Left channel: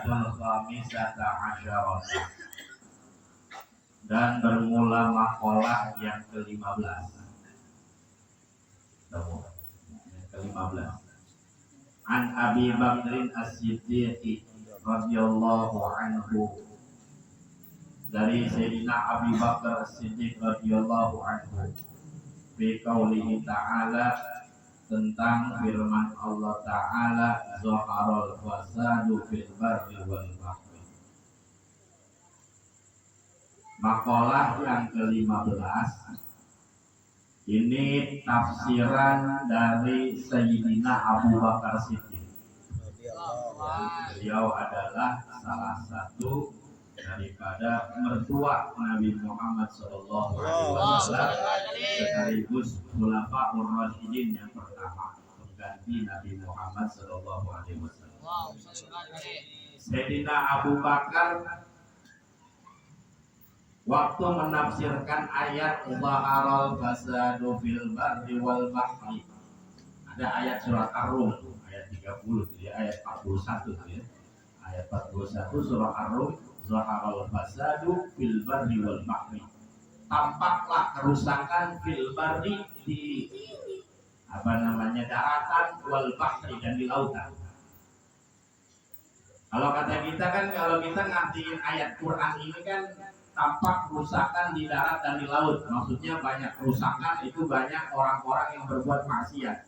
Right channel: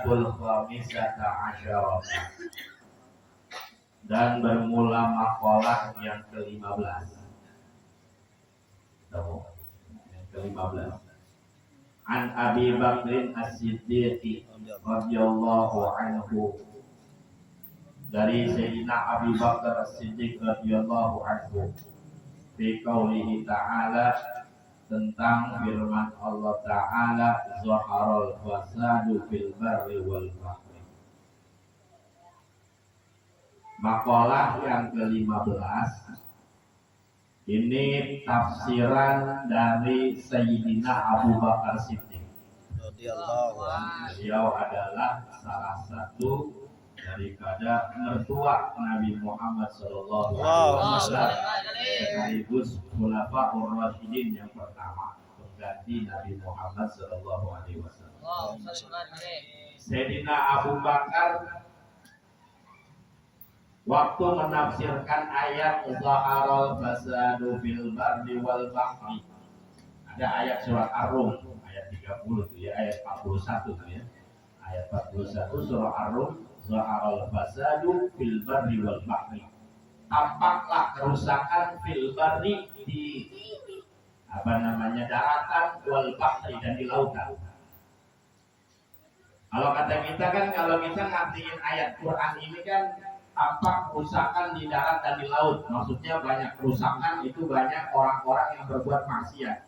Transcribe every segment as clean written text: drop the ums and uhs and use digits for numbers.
Al-Ayatul Khamisata Asyarah. Dan bermula makalah yang ke-15. Yang ke-15. An Abi Bakrin As-Siddiq radhiyallahu anhu. Dari Sayyidina Abi Bakar As-Siddiq radhiyallahu anhu. Fi qaulihi ta'ala, tentang firman Allah Ta'ala, zaharal fasadu fil barri wal bahri. Makalah yang ke-15 ini tafsiran dari Sayyidina Abu Bakar Siddiq. Beliau adalah salah satu daripada mertua Nabi Muhammad sallallahu alaihi wasallam, sekaligus khulafaur rasyidin yang pertama pengganti Nabi Muhammad sallallahu alaihi wasallam. Sayyidina Abu Bakar waktu menafsirkan ayat zaharal fasadu fil barri wal bahri, ada ayat surat Ar-Rum ayat 30 tuh ya, ayat 41 tuh ya, ayat 41 surah Ar-Rum, zaharal fasadu fil barri wal bahri, tampaklah kerusakan fil barri, di daratan, wal bahri, dan di lautan. Kalau kata kita kan, kalau kita ngertiin ayat Quran ini kan tampak kerusakan di darat dan di laut. Maksudnya banyak kerusakan, itu banyak orang-orang yang berbuat maksiat,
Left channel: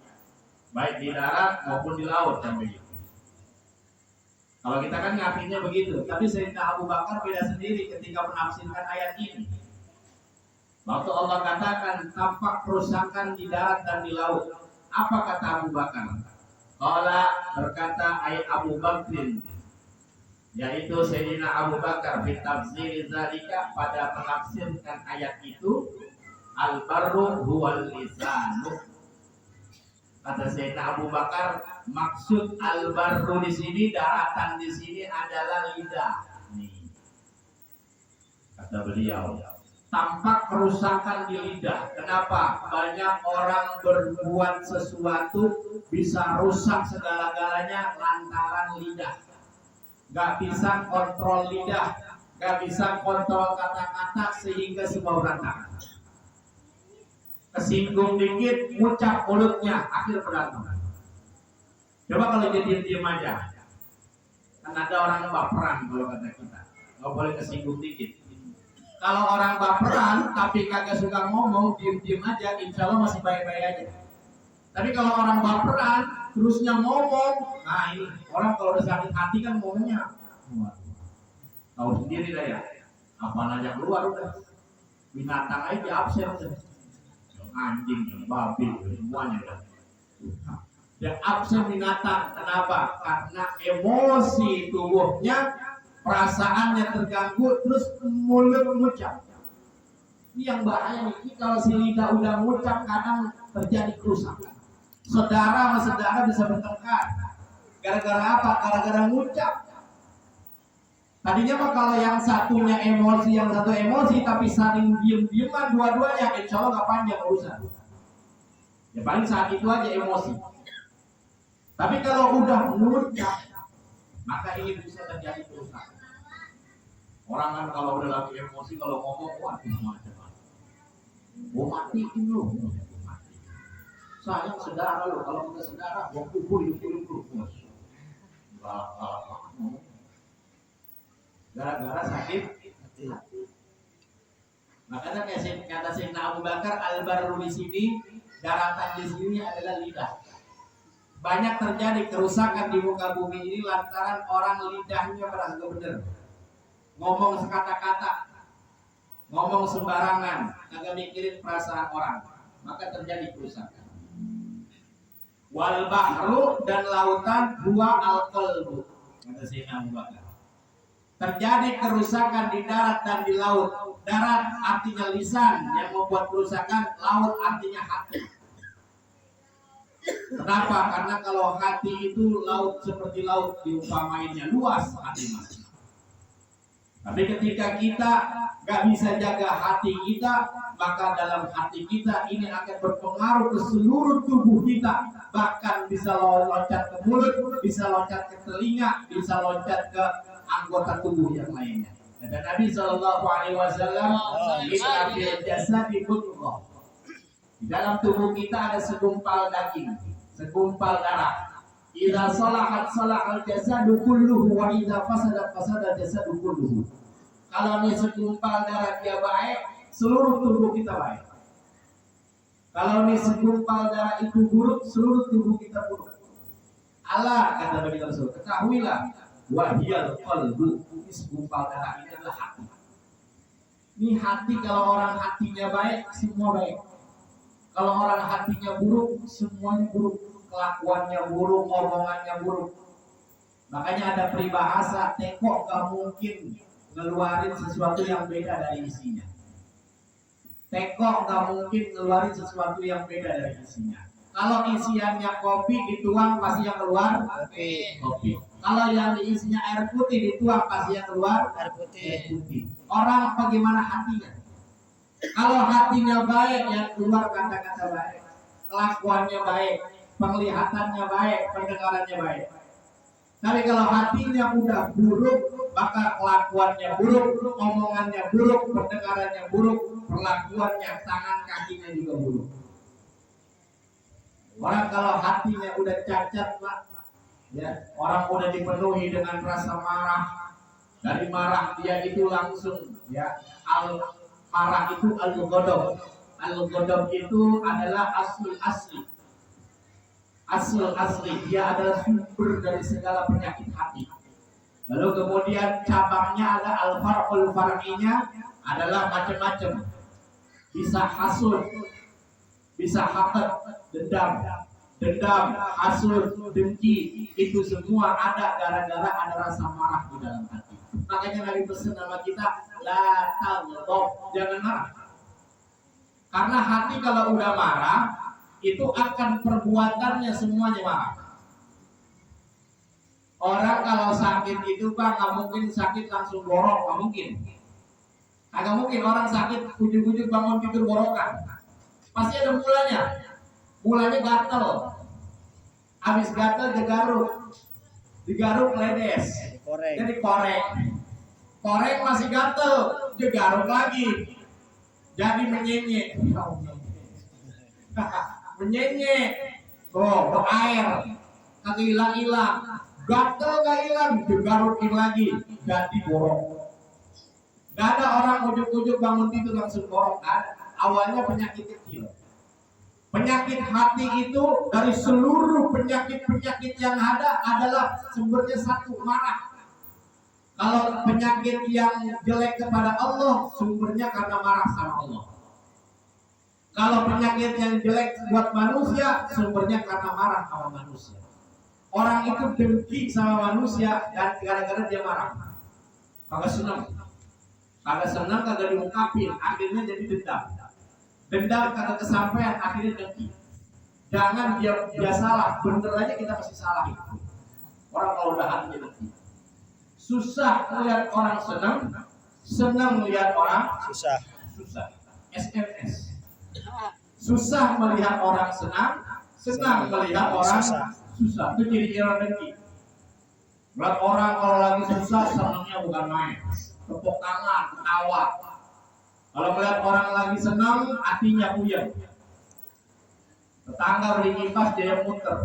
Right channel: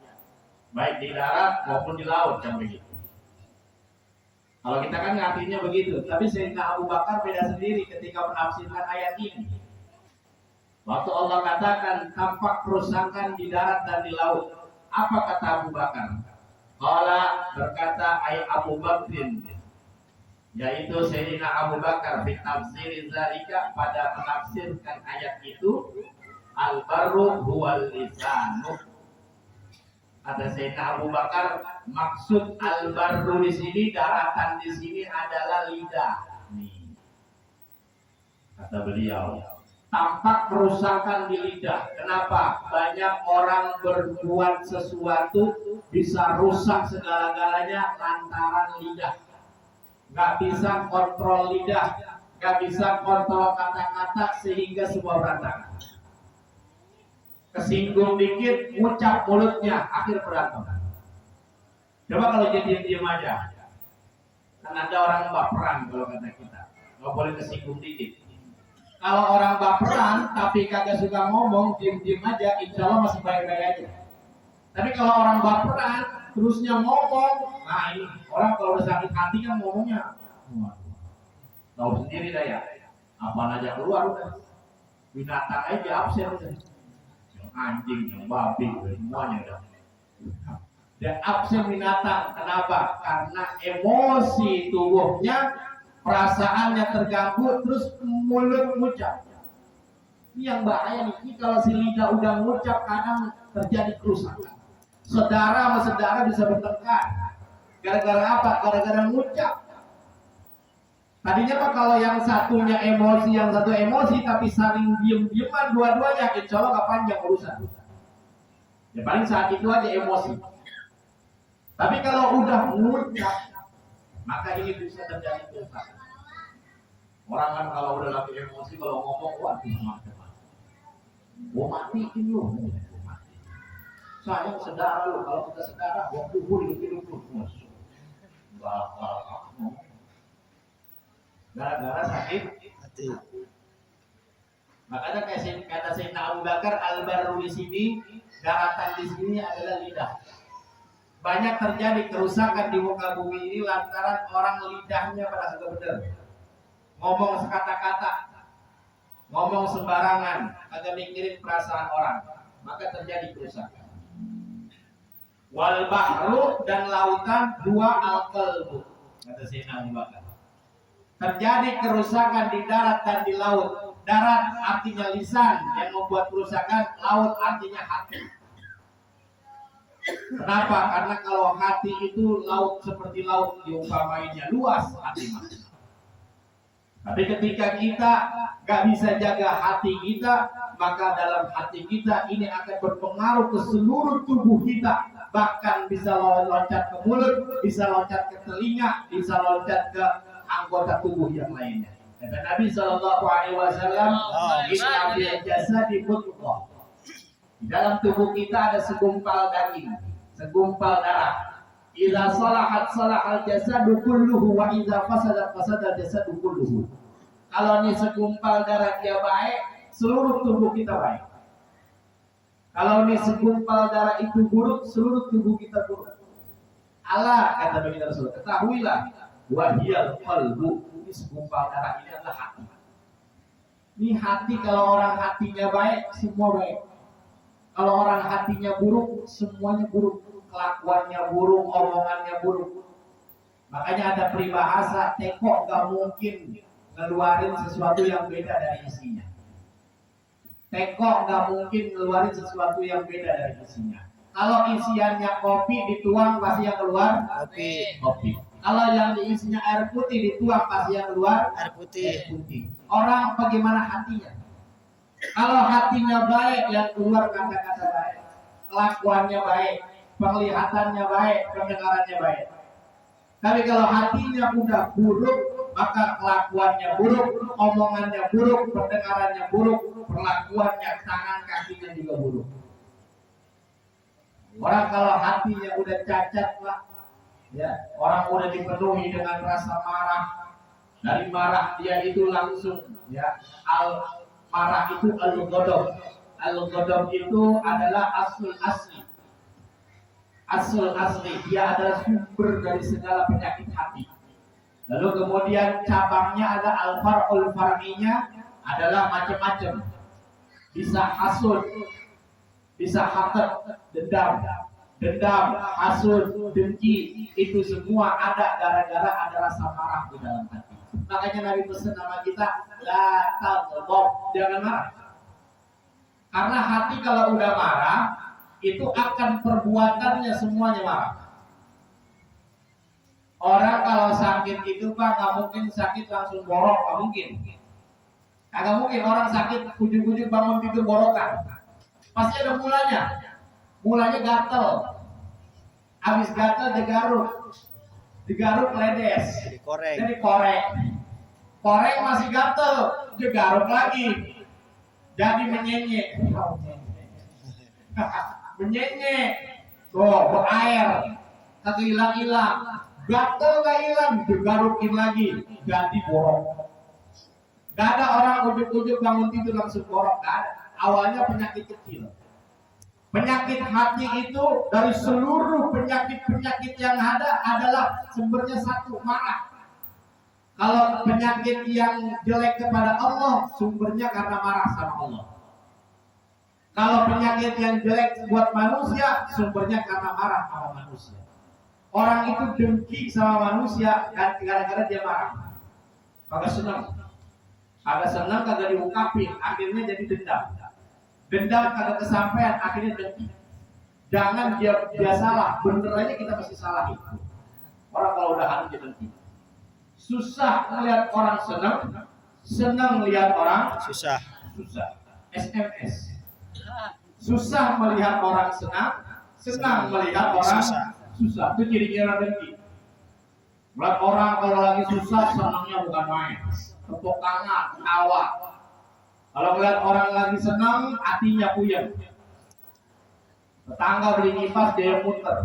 baik di darat maupun di laut, kan begitu. Kalau kita kan ngertinya begitu. Tapi Sayyidina Abu Bakar beda sendiri ketika menafsirkan ayat ini. Waktu Allah katakan tampak kerusakan di darat dan di laut, apa kata Abu Bakar? Qala, berkata ayat Abu Bakrin, yaitu Sayyidina Abu Bakar, fi tafsir zalika, pada menafsirkan ayat itu, al-barru huwal lisanu. Kata Sayyidina Abu Bakar, maksud al-barru di sini, daratan di sini adalah lidah. Nih, kata beliau, tampak kerusakan di lidah. Kenapa? Banyak orang berbuat sesuatu bisa rusak segala-galanya lantaran lidah. Gak bisa kontrol lidah, gak bisa kontrol kata-kata, sehingga semua berantakan. Kesinggung dikit, ngucap mulutnya, akhir berantem. Coba kalau jadi diam aja. Kan ada orang baperan kalau kata kita, gak boleh kesinggung dikit. Kalau orang baperan tapi kagak suka ngomong, diam-diam aja, insya Allah masih baik-baik aja. Tapi kalau orang baperan terusnya ngomong, nah ini orang kalau udah sakit hati kan ngomongnya, tahu sendiri dah ya, apa aja keluar udah, binatang aja absen udah, yang anjing, yang babi, semuanya udah, dan absen binatang. Kenapa? Karena emosi tubuhnya, perasaannya terganggu, terus mulut ngucap. Ini yang bahaya nih. Ini kalau si lidah udah ngucap, kadang terjadi kerusakan. Saudara sama saudara bisa bertengkar. Gara-gara apa? Gara-gara ngucap. Tadinya mah kalau yang satunya emosi, yang satu emosi, tapi saling diem-dieman dua-duanya, insya Allah gak panjang urusan. Ya paling saat itu aja emosi. Tapi kalau udah ngucap, maka ini bisa terjadi kerusakan. Orang kan kalau udah lagi emosi, kalau ngomong, waduh macam-macam. Gua matiin lu. Sayang saudara lu, kalau kita saudara, gua kubur hidup lu. Gara-gara sakit hati. Makanya kata Sayyidina Abu Bakar, al-barru di sini, daratan di sini adalah lidah. Banyak terjadi kerusakan di muka bumi ini lantaran orang lidahnya pada kagak bener. Ngomong sekata-kata, ngomong sembarangan, kagak mikirin perasaan orang, maka terjadi kerusakan. Wal bahru, dan lautan, dua al-qalbu, kata Sayyidina Abu Bakar. Terjadi kerusakan di darat dan di laut. Darat artinya lisan yang membuat kerusakan, laut artinya hati. Kenapa? Karena kalau hati itu laut, seperti laut diumpamainnya luas, hati mas. Tapi ketika kita gak bisa jaga hati kita, maka dalam hati kita ini akan berpengaruh ke seluruh tubuh kita. bahkan bisa loncat ke mulut, bisa loncat ke telinga, bisa loncat ke anggota tubuh yang lainnya. Kata Nabi Shallallahu Alaihi Wasallam, "Inna fil jasadi mudghah." Di dalam tubuh kita ada segumpal daging, segumpal darah. Idza salahat salahal jasadu kulluhu wa idza fasadat fasadal jasadu kulluhu. Kalau ini segumpal darah dia baik, seluruh tubuh kita baik. Kalau ini segumpal darah itu buruk, seluruh tubuh kita buruk. Allah kata Nabi Rasul, ketahuilah, wahiyal qalbu, ini segumpal darah ini adalah hati. Ini hati, kalau orang hatinya baik, semua baik. Kalau orang hatinya buruk, semuanya buruk. Kelakuannya buruk, omongannya buruk. Makanya ada peribahasa, teko gak mungkin ngeluarin sesuatu yang beda dari isinya. Teko gak mungkin ngeluarin sesuatu yang beda dari isinya. Kalau isiannya kopi dituang, pasti yang keluar kopi. Kalau yang diisinya air putih dituang, pasti yang keluar air putih. Orang bagaimana hatinya? Kalau hatinya baik, yang keluar kata-kata baik, kelakuannya baik, penglihatannya baik, pendengarannya baik. Tapi kalau hatinya udah buruk, maka kelakuannya buruk, omongannya buruk, pendengarannya buruk, perlakuannya, tangan kakinya juga buruk. Orang kalau hatinya udah cacat lah, ya, orang udah dipenuhi dengan rasa marah. Dari marah dia itu langsung, ya, marah itu al-ghadab. Al-ghadab itu adalah asli. Asli, dia adalah sumber dari segala penyakit hati. Lalu kemudian cabangnya ada al-far'ul far'inya adalah macam-macam. Bisa hasud, bisa hasad, dendam, hasud, dengki, itu semua ada gara-gara ada rasa marah di dalam hati. Makanya Nabi pesan sama kita, la taghdab, jangan marah. Karena hati kalau udah marah, itu akan perbuatannya semuanya marah. Orang kalau sakit itu Pak, nggak mungkin sakit langsung borok, nggak mungkin. Nggak mungkin orang sakit ujuk-ujuk bangun tidur borokan. Pasti ada mulanya. Mulanya gatel. Habis gatel digaruk ledes. Jadi korek. Korek masih gatel, digaruk lagi. Jadi menyenyek. Menyenyek. Tuh, berair. Kagak hilang-hilang. Gatel gak hilang, digarukin lagi. Jadi borok. Gak ada orang ujuk-ujuk bangun tidur langsung borok. Gak ada. Awalnya penyakit kecil. Penyakit hati itu dari seluruh penyakit-penyakit yang ada adalah sumbernya satu, marah. Kalau penyakit yang jelek kepada Allah, sumbernya karena marah sama Allah. Kalau penyakit yang jelek buat manusia, sumbernya karena marah sama manusia. Orang itu dengki sama manusia dan gara-gara dia marah. Kagak senang, kagak diungkapin, akhirnya jadi dendam. Dendam kagak kesampaian, akhirnya dengki. Jangan dia salah, bener aja kita pasti salah itu. Orang kalau udah hati dengki. Susah melihat orang senang melihat orang susah. SMS. Susah melihat orang senang melihat orang susah. Itu ciri-ciri dengki. Melihat orang kalau lagi susah, senangnya bukan main. Tepuk tangan, ketawa. Kalau melihat orang lagi senang, hatinya puyeng. Tetangga beli kipas, dia muter.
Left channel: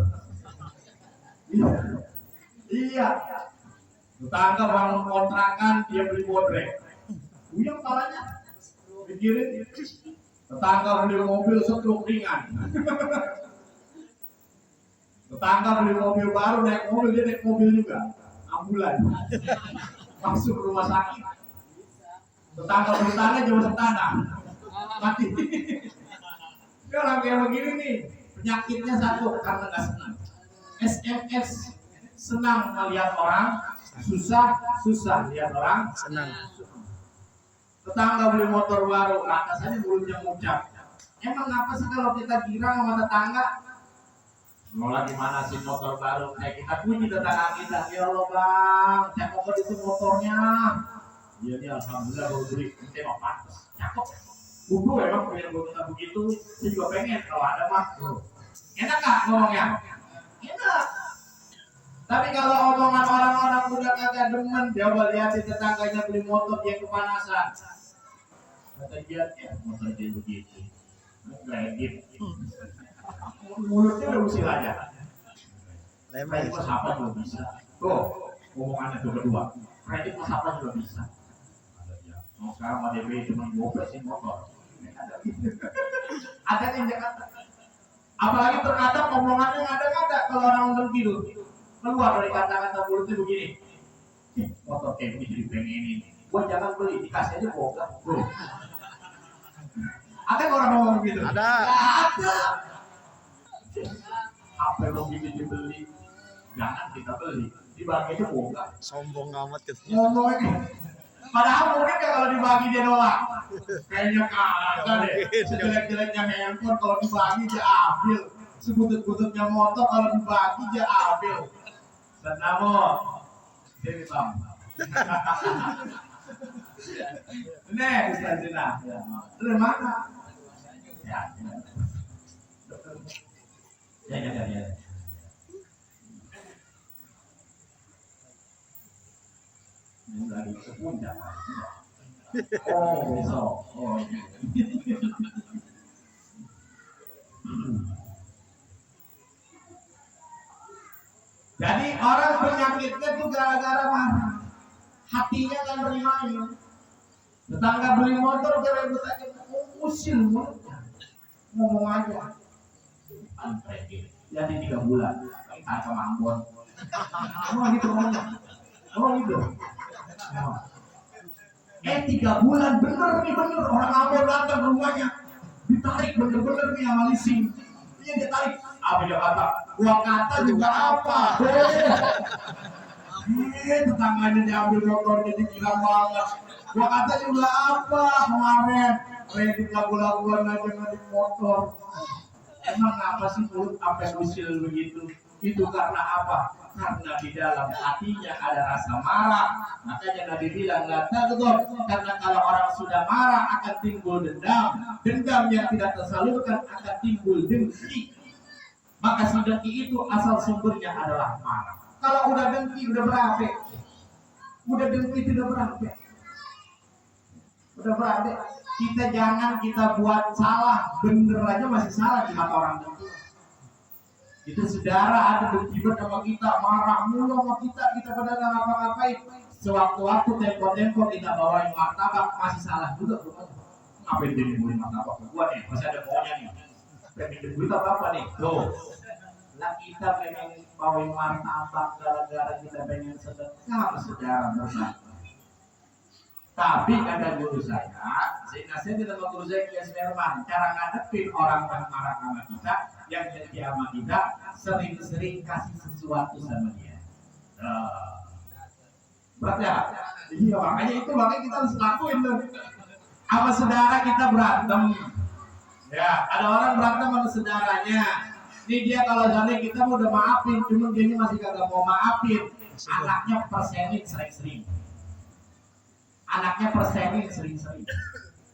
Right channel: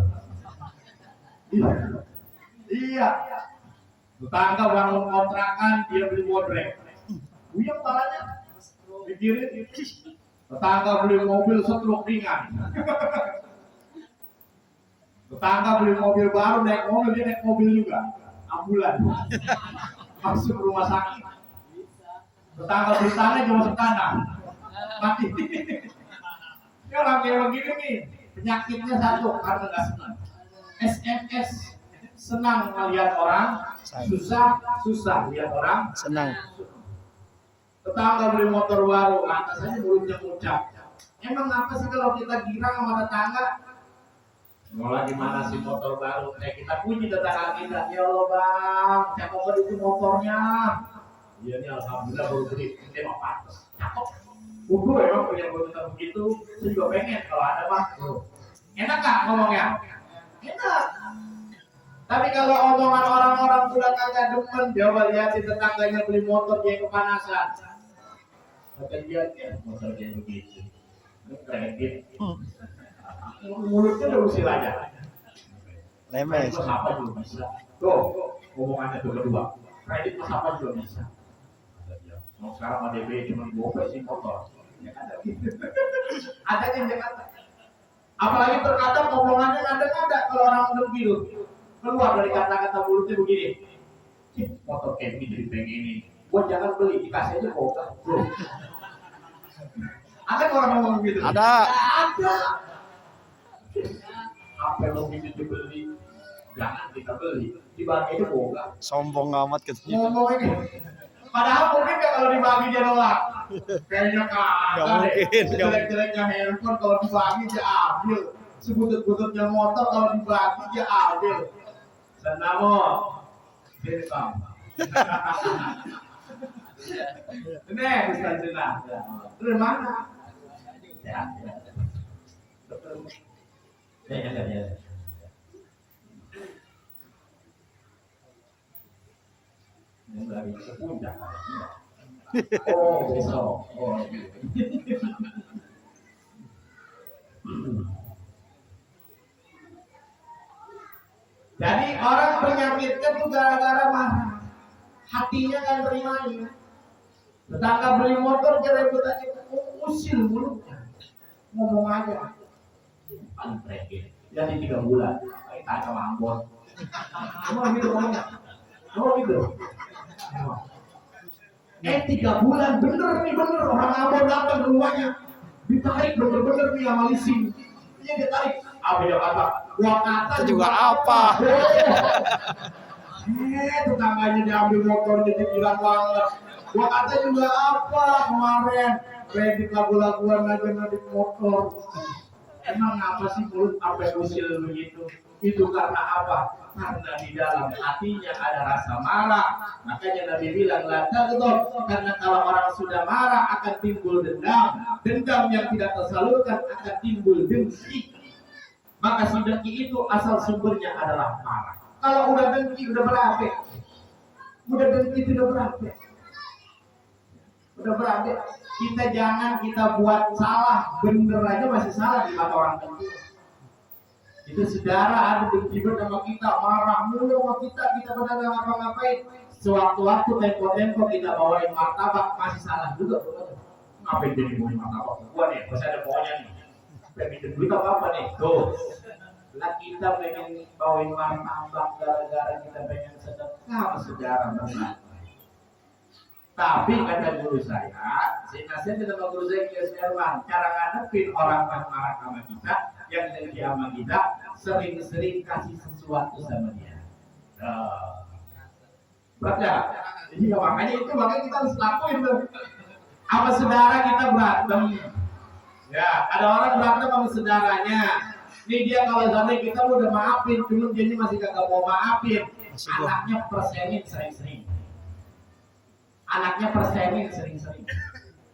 Iya. Tetangga bangun kontrakan, dia beli bodrek. Puyeng palanya. Pikirin. Tetangga beli mobil setruk ringan. Tetangga beli mobil baru, naik mobil, dia naik mobil juga. Ambulan. Masuk rumah sakit. Tetangga beli tanah, dia masuk tanah. Mati. Ya orang kayak begini nih, penyakitnya satu, karena gak senang. SMS, senang melihat orang susah lihat orang senang. Tetangga beli motor baru, atasnya mulutnya ngucap. Emang apa sih kalau kita girang sama tetangga? Mau lagi mana sih motor baru? Kita puji tetangga kita. Ya Allah bang, saya mau beli itu motornya. Iya nih alhamdulillah baru beli. Kita mau pantas, cakep. Emang punya motor begitu, saya juga pengen kalau ada mah. Enak nggak ngomongnya? Enak. Tapi kalau omongan orang-orang udah kagak demen, coba lihatin tetangganya beli motor dia kepanasan. Kata dia, ya motor dia begitu. Kredit. Mulutnya udah usil aja. Lemes. Kredit apa juga bisa. Tuh, omongannya tuh kedua. Kredit apa juga bisa. Mau sekarang ADB cuma gope sih motor. Ada yang Jakarta. Apalagi terkadang omongannya ada kalau orang ngomong gitu. Keluar dari kata-kata mulutnya begini. Motor kayak begini pengen ini. Gua jangan beli, dikasih aja kok. Bro. Ada orang ngomong gitu? Ada. Ada. Apa yang mau gitu dibeli? Jangan kita beli. Dibagi aja kok. Sombong amat katanya. Ngomongnya. Padahal mungkin ya kalau dibagi dia nolak. Kayaknya kagak deh. Sejelek-jeleknya handphone kalau dibagi dia ambil. Sebutut-bututnya motor kalau dibagi dia ambil. Senamo. Sini Bang. Ini Ustaz Zina. Dari mana? Ya. Ya. Yang lagi ke puncak. Oh, besok. Oh, jadi orang penyakitnya tuh gara-gara marah. Hatinya kan bermain. Tetangga beli motor ribut aja, usil mulutnya. Ngomong aja. Antrek. Jadi 3 bulan. Kita sama Ambon. Ngomong gitu ngomongnya. Ngomong gitu. 3 bulan bener orang Ambon datang ke rumahnya, ditarik bener nih sama leasing. Iya ditarik. Apa dia kata? Gua kata juga apa? Tetangganya diambil motornya dibilang banget. Gua kata juga apa kemarin? Kredit lagu-laguan aja naik motor. Emang apa sih mulut sampai usil begitu? Itu karena apa? Karena di dalam hatinya ada rasa marah. Makanya Nabi bilang la taghdab, karena kalau orang sudah marah akan timbul dendam. Dendam yang tidak tersalurkan akan timbul dengki. Maka si dengki itu asal sumbernya adalah marah. Kalau udah dengki udah berabe. Udah dengki itu udah berabe. Udah berabe. Kita jangan kita buat salah, bener aja masih salah di mata orang dengki. Itu saudara ada berkibar sama kita, marah mulu sama kita pada nggak ngapa-ngapain. Sewaktu-waktu tempo-tempo kita bawain martabak masih salah juga tuh. Ngapain jadi bawain martabak? Gua nih, masih ada bawahnya nih. Pengen duit apa nih? Tuh. Lah kita pengen bawain martabak gara-gara kita pengen sedekah sama saudara benar. Tapi kata guru saya tidak mau guru saya Kiai Herman, cara ngadepin orang marah sama kita, yang jadi sama kita, sering-sering kasih sesuatu sama dia. Berat ya? Iya makanya kita harus lakuin tuh. Sama saudara kita berantem. Ya, ada orang berantem sama saudaranya. Ini dia kalau sampai kita udah maafin, cuma dia masih kagak mau maafin. Anaknya persenin sering-sering.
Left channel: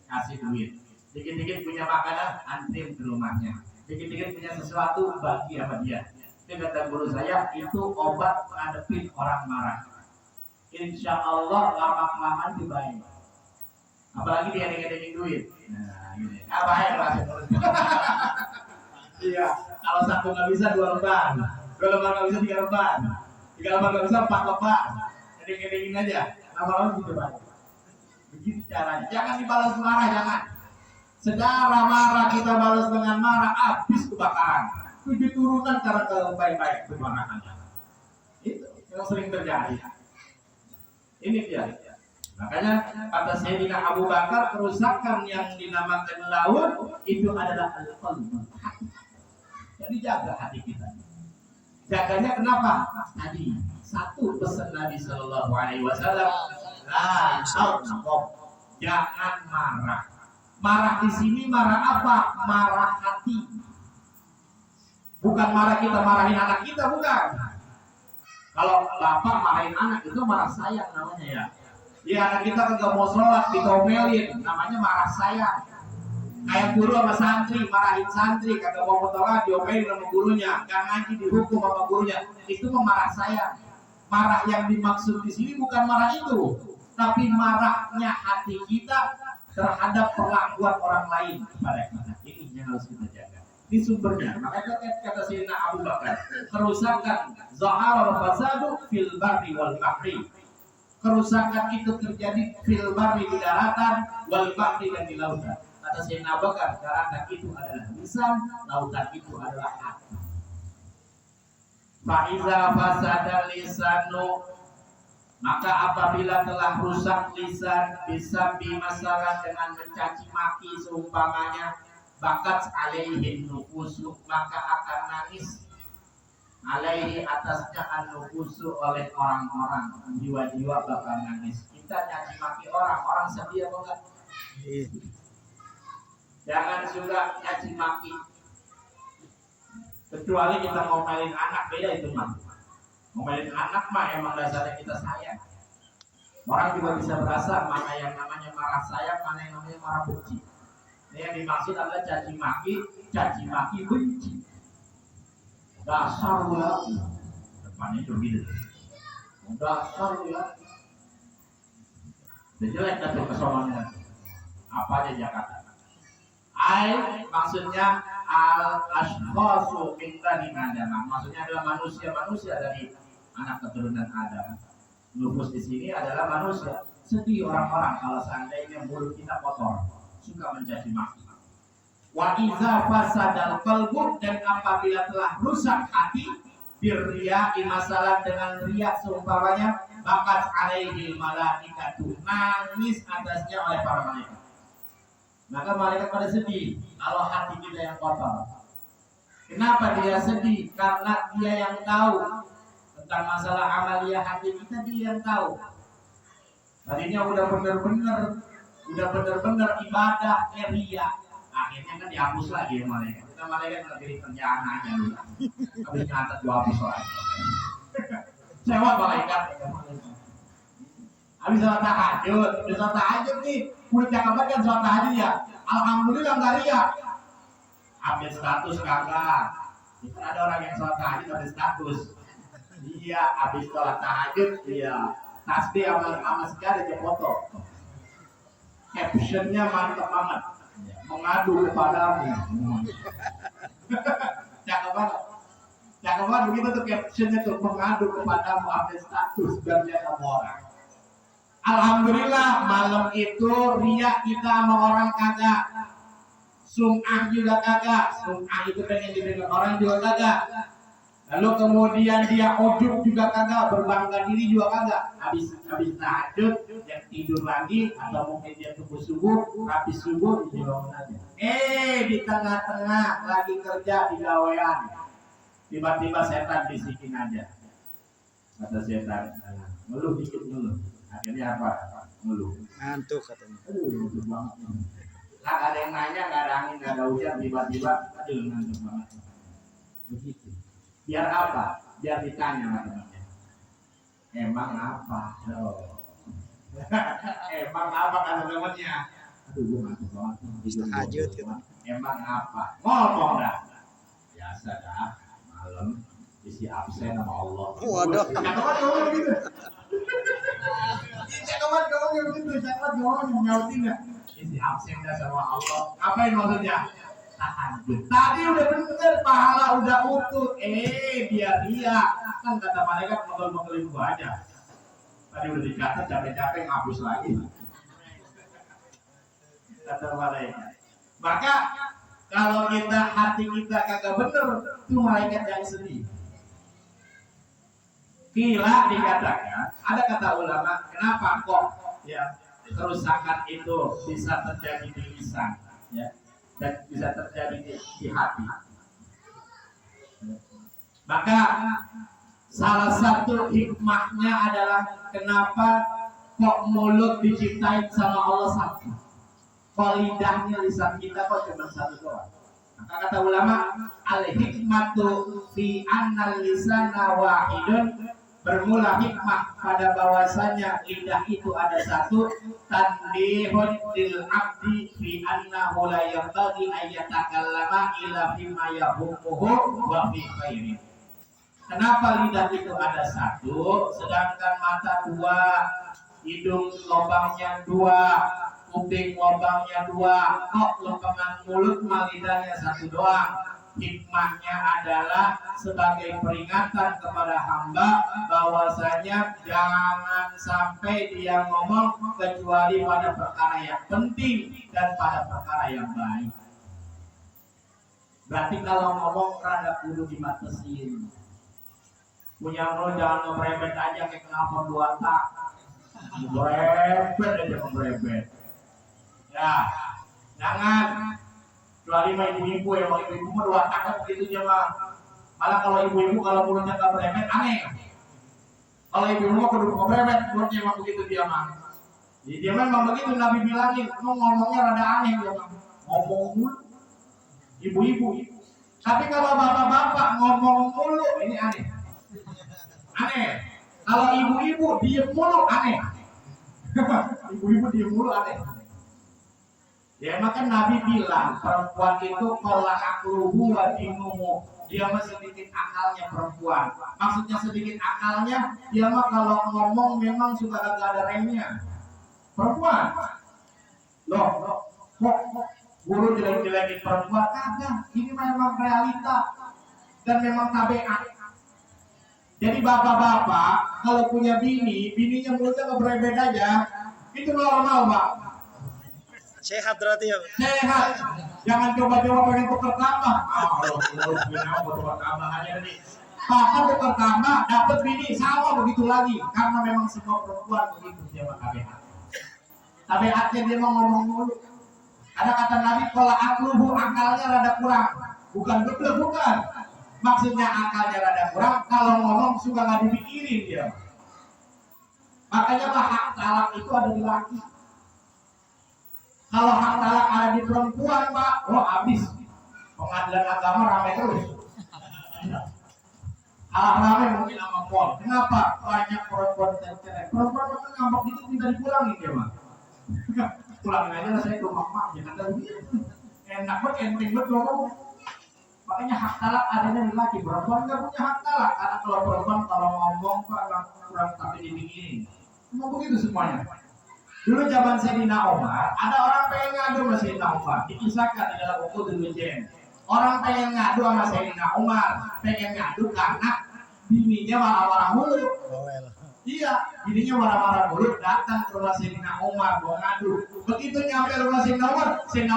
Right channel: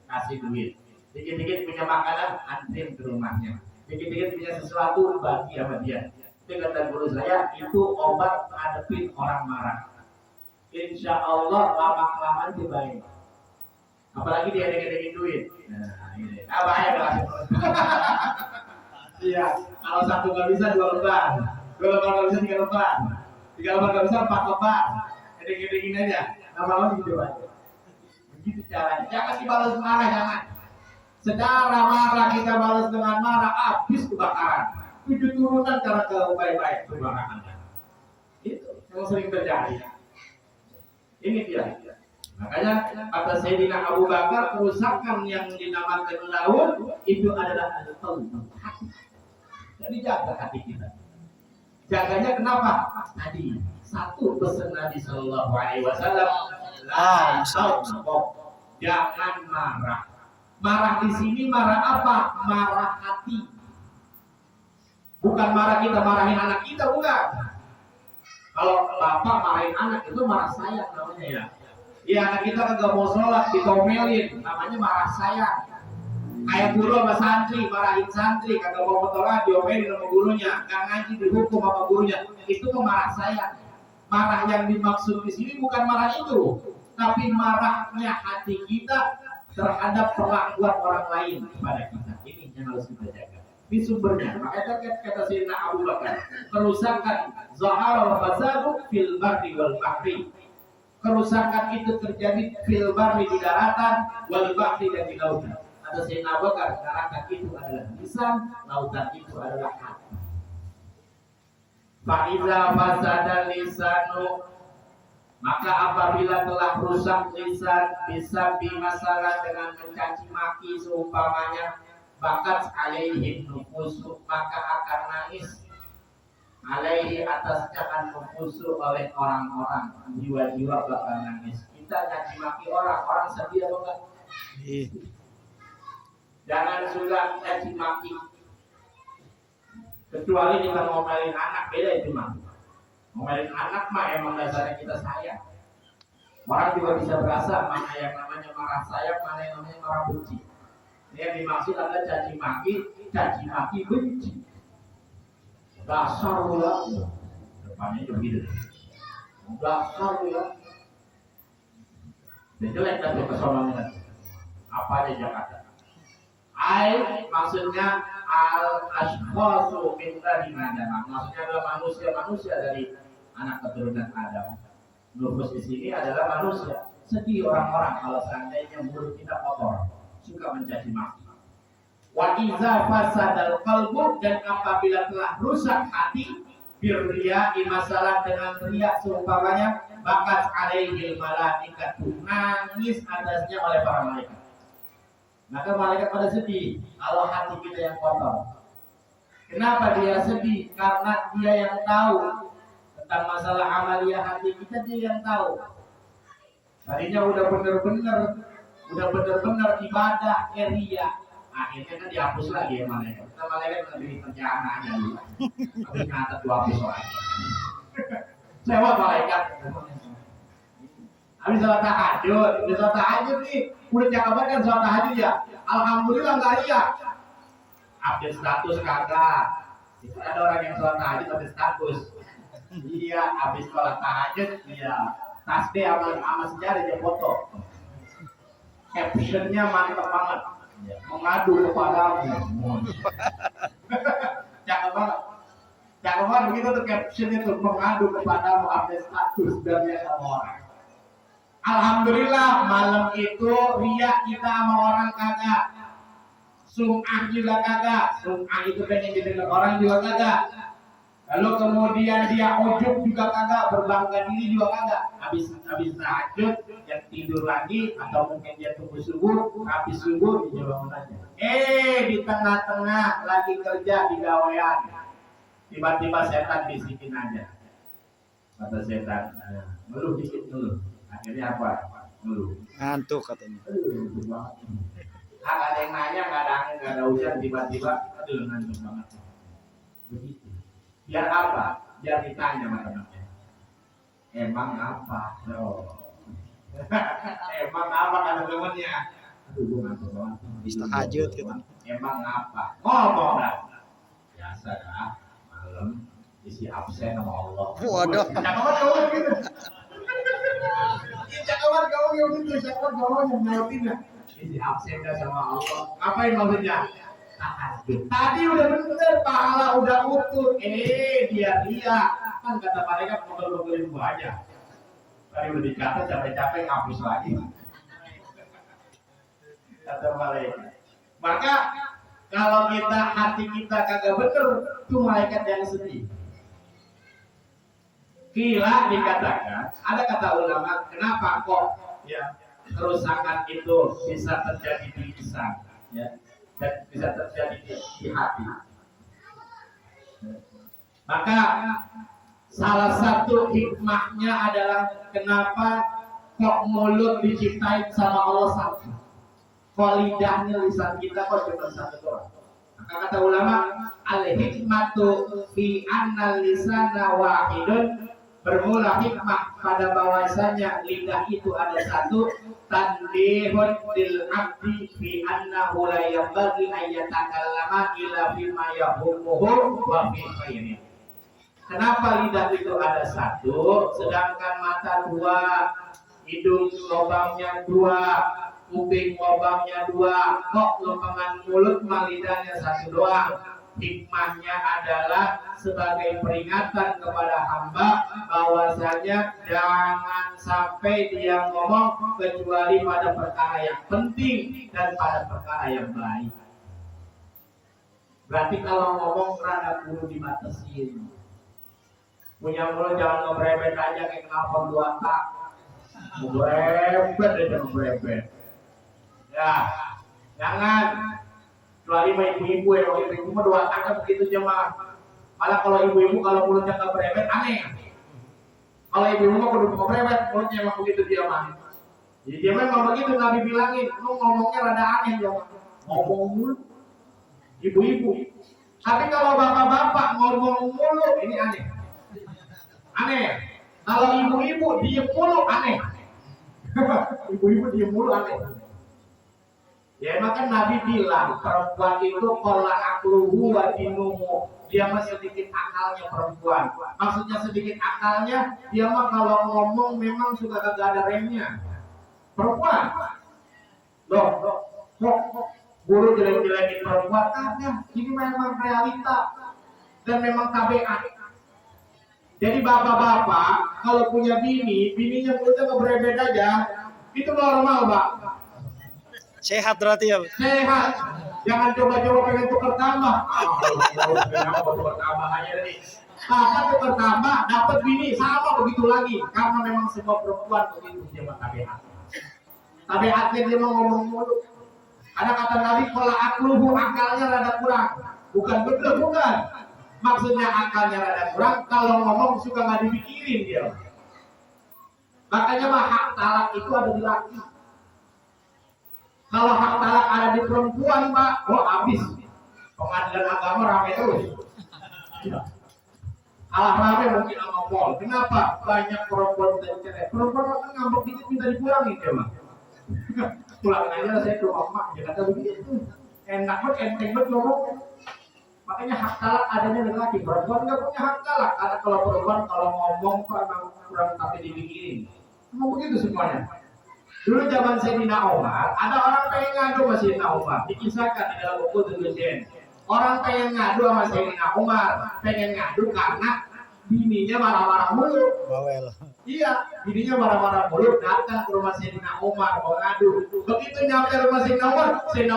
Kasih duit. Dikit-dikit punya makanan, antrim ke rumahnya. Dikit-dikit punya sesuatu, bagi sama dia. Itu kata guru saya, itu obat ngadepin orang marah. Insya Allah lama-kelamaan itu baik. Apalagi dia ada duit. Nah, ini. Bahaya kelasnya. Iya, kalau satu nggak bisa 2 lembar. 2 lembar nggak bisa 3 lembar. 3 lembar nggak bisa 4 lembar. Eding-edingin aja. Lama-lama gitu aja. Begitu caranya. Jangan dibalas marah, jangan. Saudara marah kita balas dengan marah, habis kebakaran. 7 turunan cara ke baik-baik kebakarannya. Itu yang sering terjadi. Ini dia. Makanya kata Sayyidina Abu Bakar, kerusakan yang dinamakan laut itu adalah al-qalb. Jadi jaga hati kita. Jaganya kenapa? Tadi satu pesan Nabi Sallallahu Alaihi Wasallam, jangan marah. Marah di sini marah apa? Marah hati. Bukan marah kita marahin anak kita, bukan. Kalau bapak marahin anak itu marah sayang namanya ya. Ya anak kita kagak mau sholat dikomelin, namanya marah sayang. Kayak guru sama santri, marahin santri, kagak mau motoran, diomelin sama gurunya, nggak ngaji dihukum sama gurunya. Itu marah saya. Marah yang dimaksud di sini bukan marah itu, tapi marahnya hati kita terhadap perlakuan orang lain kepada kita. Ini yang harus kita jaga. Di sumbernya, maka kata Sayyidina Abu Bakar, kerusakan zahara wa fasadu fil barri wal bahri. Kerusakan itu terjadi fil barri di daratan, wal bahri dan di lautan. Kata Sayyidina Abu Bakar, daratan itu adalah lisan, lautan itu adalah hati. Fa'iza fasada lisanu, maka apabila telah rusak lisan, bisa bimasalah dengan mencaci maki seumpamanya, bakat alaihi nufusu, maka akan nangis alaihi atasnya an nufusu oleh orang-orang, jiwa-jiwa bakal nangis. Kita caci maki orang sedih apa enggak? Jangan juga caci maki, kecuali kita mau ngomelin anak, beda itu mah. Ngomelin anak mah emang dasarnya kita sayang. Orang juga bisa berasa mana yang namanya marah sayang, mana yang namanya marah benci. Ini yang dimaksud adalah caci maki benci. Dasar lu ya, depannya itu gitu. Dasar lu ya. Dan jelek dan kesononya. Apa aja Jakarta. Maksudnya al-ashkhasu min bani Adam. Maksudnya adalah manusia dari anak keturunan Adam. Nufus di sini adalah manusia. Sedih orang-orang kalau seandainya mulut kita kotor, suka mencaci maki. Wa iza fasadal qalbu, dan apabila telah rusak hati, birriya masalah dengan riya seumpamanya, bakat alaihil malaikatu, nangis atasnya oleh para malaikat. Maka malaikat pada sedih kalau hati kita yang kotor. Kenapa dia sedih? Karena dia yang tahu tentang masalah amalia hati kita, dia yang tahu. Tadinya udah bener-bener ibadah ria, akhirnya kan dihapus lagi ya malaikat. Kita malaikat lebih kerjaan aja dulu. Tapi nyatet 2 hapus orang. Sewa malaikat. Habis sholat tahajud nih, udah cakep banget kan sholat tahajud ya. Alhamdulillah nggak riak. Update status kagak. Itu ada orang yang sholat tahajud update status. Iya, habis sholat tahajud, iya. Tasbih sama sejarah dia foto. Captionnya mantap banget. Mengadu kepadamu. Cakep banget. Cakep banget begitu tuh captionnya tuh, mengadu kepadamu, update status biar dia sama orang. Alhamdulillah malam itu riak kita sama orang kagak. Sum'ah juga kagak. Sum'ah itu pengen didengar orang juga kagak. Lalu kemudian dia ujub juga kagak, berbangga diri juga kagak. Habis tahajud, yang tidur lagi, atau mungkin dia tunggu subuh, habis subuh dia bangun aja. Di tengah-tengah lagi kerja di gawean, tiba-tiba setan bisikin aja. Kata setan, ngeluh dikit ngeluh. Akhirnya apa? Ngeluh. Ngantuk katanya. Ngantuk banget. Ada yang nanya, nggak ada angin, nggak ada hujan, tiba-tiba, ngantuk banget. Begitu. Biar apa? Biar ditanya sama temannya. Emang apa? Emang apa kata temannya? Gue ngantuk banget. Habis tahajud gitu. Emang apa? Ngomong dah. Biasa dah. Malam isi absen sama Allah. Waduh. Cakawan kamu gitu. Cakawan kamu gitu. Cakawan kamu yang nyautin ya. Isi absen dah sama Allah. Ngapain maksudnya? Tahajud. Tadi udah bener, pahala udah utuh. Dia kan kata mereka ngobrol-ngobrolin gua aja. Tadi udah dikata capek-capek ngapus lagi. Kata mereka. Maka kalau hati kita kagak bener, itu malaikat yang sedih. Gila dikatakan, ada kata ulama, kenapa kok ya kerusakan itu bisa terjadi di lisan, ya, dan bisa terjadi di hati. Maka salah satu hikmahnya adalah kenapa kok mulut diciptain sama Allah satu, kok lidahnya lisan kita kok cuma satu doang. Maka kata ulama, al hikmatu fi anna lisana wahidun Bermula hikmah pada bahwasanya lidah itu ada satu, tanbihun lil abdi fi annahu la yanbaghi an yatakallama illa bima yahumuhu wa fi khairi. Kenapa lidah itu ada satu, sedangkan mata dua, hidung lubangnya dua, kuping lubangnya dua, kok lubang mulut mah lidahnya satu doang? Hikmahnya adalah sebagai peringatan kepada hamba bahwasanya jangan sampai dia ngomong kecuali pada perkara yang penting dan pada perkara yang baik. Berarti kalau ngomong rada kudu dibatasin. Punya mulut jangan ngebrebet aja kayak kenapa dua tak. Ngebrebet aja ngebrebet. Ya, jangan. Kecuali mah ibu-ibu ya, kalau ibu-ibu mah dua tak begitu aja mah. Malah kalau ibu-ibu kalau mulutnya nggak berebet aneh. Kalau ibu-ibu mah kudu ngebrebet, mulutnya emang begitu dia mah. Jadi dia memang begitu Nabi bilangin, lu ngomongnya rada aneh dia mah. Ngomong mulu. Ibu-ibu. Tapi kalau bapak-bapak ngomong mulu ini aneh. Aneh. Kalau ibu-ibu diem mulu aneh. Ibu-ibu diem mulu aneh. Ya maka Nabi bilang perempuan itu kola akluhu wa dinumu, dia mah sedikit akalnya perempuan. Maksudnya sedikit akalnya, dia mah kalau ngomong memang suka kagak ada remnya. Perempuan, loh, guru jelek-jelekin perempuan, kagak. Ini memang realita dan memang tabiat. Jadi bapak-bapak kalau punya bininya mulutnya ngebrebet aja, itu normal, Pak. Sehat berarti ya. Sehat. Jangan coba-coba pengen tukar tambah. Kenapa tukar tambah aja nih? Papa tukar tambah, dapat bini sama begitu lagi. Karena memang semua perempuan begitu dia tabiat. Tabiatnya dia mau ngomong mulu. Ada kata Nabi, kalau akluhu akalnya rada kurang. Bukan betul, bukan. Maksudnya akalnya rada kurang. Kalau ngomong suka nggak dipikirin dia. Makanya mah hak talak itu ada di laki. Kalau hak talak ada di perempuan, Pak, habis. Pengadilan agama ramai terus. Kalah ramai mungkin sama pol. Kenapa? Banyak perempuan cerai. Perempuan kan ngambek dikit minta dipulangin dia, Pak. Pulangin aja saya ke mama, ya kata begitu. Enak banget, enteng banget ngomong. Makanya hak talak adanya di laki. Perempuan nggak punya hak talak. Karena kalau perempuan kalau ngomong Pak kurang tapi dipikirin. Emang begitu semuanya. Dulu zaman Sayyidina Umar, ada orang pengen ngadu sama Sayyidina Umar. Dikisahkan di dalam buku Tujuan. Orang pengen ngadu sama Sayyidina Umar, pengen ngadu karena bininya marah-marah mulu. Bawel. Iya, bininya marah-marah mulu, datang ke rumah Sayyidina Umar mau ngadu. Begitu nyampe rumah Sayyidina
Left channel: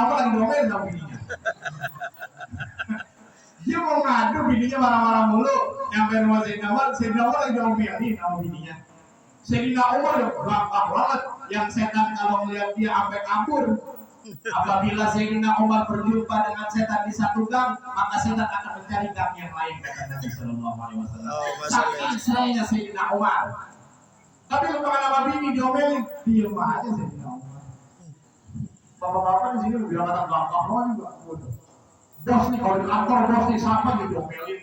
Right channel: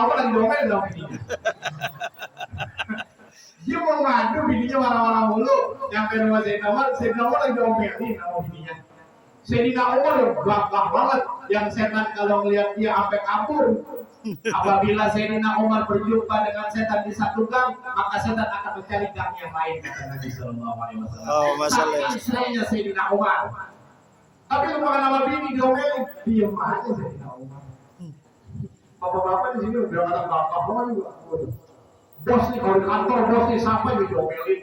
Umar lagi domel sama bininya. Dia mau ngadu, bininya marah-marah mulu. Nyampe rumah Sayyidina Umar lagi domelin sama bininya. Sayyidina Umar ya gagah banget, yang setan kalau melihat dia sampai kabur. Apabila Sayyidina Umar berjumpa dengan setan di satu gang, maka setan akan mencari gang yang lain, kata Nabi Sallallahu Alaihi Wasallam. Oh, masalah. Israelnya Sayyidina Umar. Tapi lu makan sama bini diomelin, diem aja Sayyidina Umar. Bapak-bapak di sini udah kata bapak juga. Bos nih kalau di kantor bos nih siapa yang diomelin?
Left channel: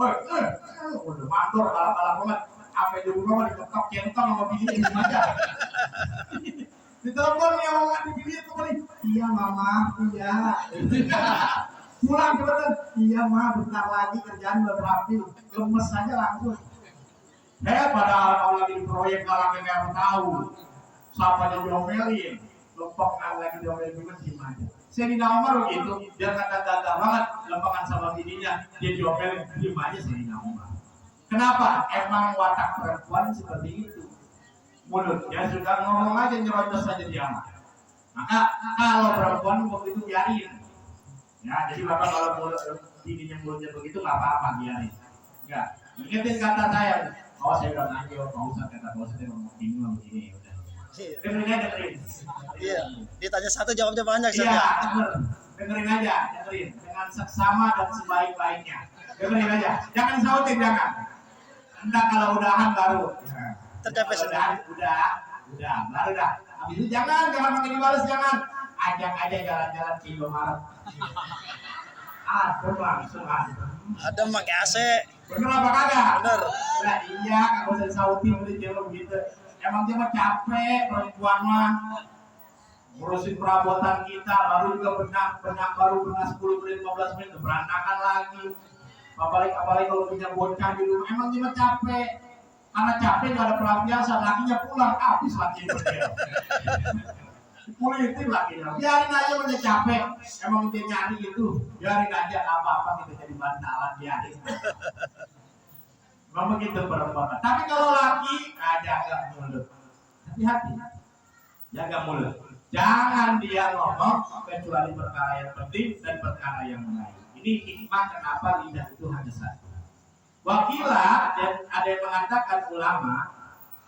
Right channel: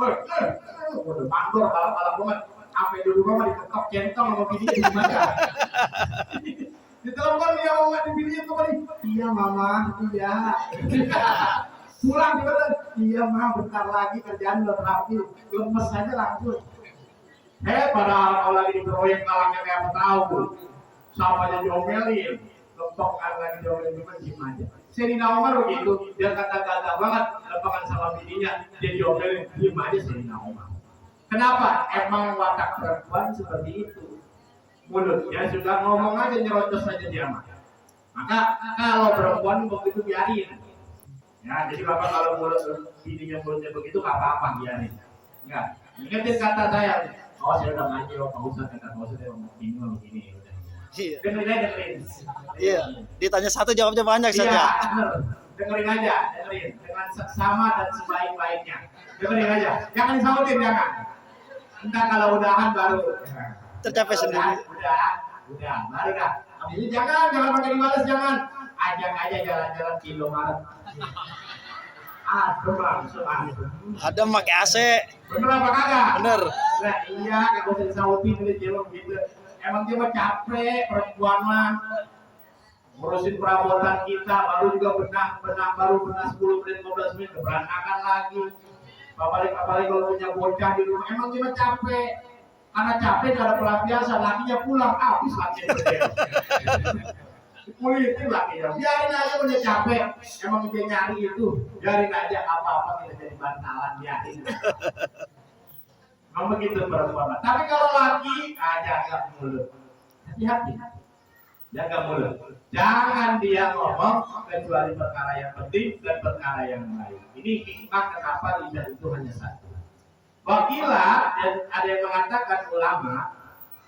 Udah mandor kalah banget. Sampai dulu mama diketok centong sama bininya di mana? Ditelepon ya mama di bininya kembali. Iya mama, iya. Pulang cepetan. Iya mama, bentar lagi kerjaan udah rapi. Lemes aja langsung. Padahal kalau lagi di proyek kalangnya kayak tahu. Samanya diomelin. Lempok kan lagi diomelin gimana diem aja. Sayyidina Umar begitu, dia kata gagah banget, lempokan sama bininya, dia diomelin, diem aja Sayyidina Umar. Kenapa? Emang watak perempuan seperti itu. Mulutnya suka ngomong aja, nyerocos aja dia mah. Maka kalau perempuan begitu biarin. Ya, jadi bapak kalau bininya mulutnya begitu nggak apa-apa biarin. Enggak. Ingetin kata saya. Oh saya udah ngaji, Pak Ustadz kata Pak Ustadz ngomong bingung begini. Iya. Dengerin. Iya. Ditanya satu jawabnya banyak saja. Iya, dengerin aja, dengan seksama dan sebaik-baiknya. Dengerin aja, jangan disautin jangan. Entah kalau udahan baru Tercapai sendiri. Udah, baru dah. Habis itu jangan pakai dibalas, jangan. Ajak aja jalan-jalan ke Indomaret. Adem langsung adem. Ada pakai AC. Bener apa kagak? Bener. Nah iya, kagak usah disautin udah cewek begitu. Emang dia mah capek perempuan mah. Ngurusin perabotan kita, baru juga benak baru benar 10 menit 15 menit berantakan lagi. Apalagi kalau punya bocah di rumah, emang dia mah capek. Karena capek gak ada pelampiasan, lakinya pulang, habis lakinya berdiri. Kulitin lakinya, biarin aja udah capek. Emang dia nyari itu, biarin aja apa-apa kita jadi bantalan, biarin. Memang begitu perempuan. Tapi kalau laki, jaga mulut. Hati-hati, jaga mulut. Jangan dia ngomong kecuali perkara yang penting dan perkara yang lain. Ini hikmah kenapa lidah itu hanya satu. Wakila dan ada yang mengatakan ulama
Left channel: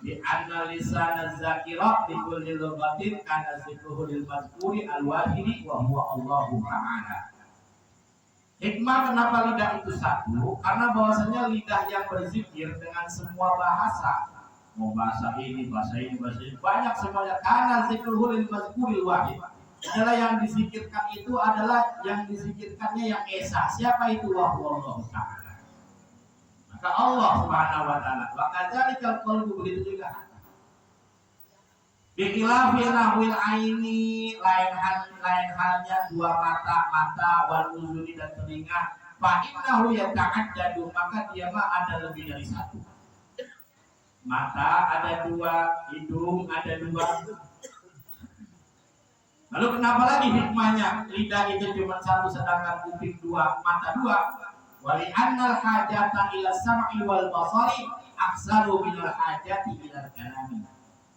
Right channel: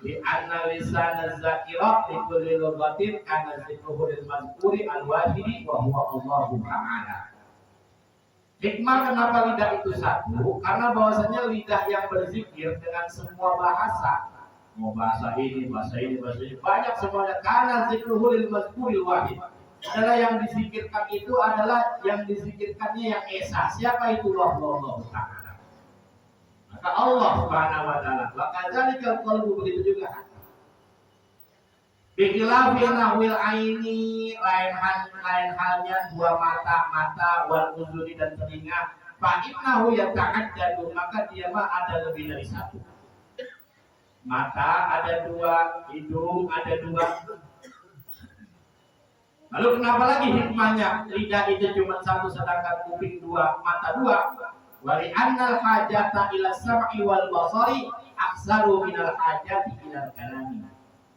di analisan zakirah di kulli lughatin kana zikruhul mazkuri al-wahidi wa huwa Allahu ta'ala. Hikmah kenapa lidah itu satu? Karena bahwasanya lidah yang berzikir dengan semua bahasa, mau bahasa ini, banyak semuanya. Karena zikruhul mazkuri al-wahid adalah yang disikirkan itu adalah yang disikirkannya yang esa. Siapa itu? Allahu ta'ala. Maka Allah Subhanahu wa taala, wa kadzalikal qalbu, begitu juga hati. Bikhilafil nahwil aini, lain halnya dua mata wal uzuni dan telinga. Fa innahu yata'addadu, maka dia mah ada lebih dari satu. Mata ada dua, hidung ada dua. Lalu kenapa lagi hikmahnya? Lidah itu cuma satu sedangkan kuping dua, mata dua. Wali annal hajata ila sam'i wal basari aksaru minal hajati ila kalami.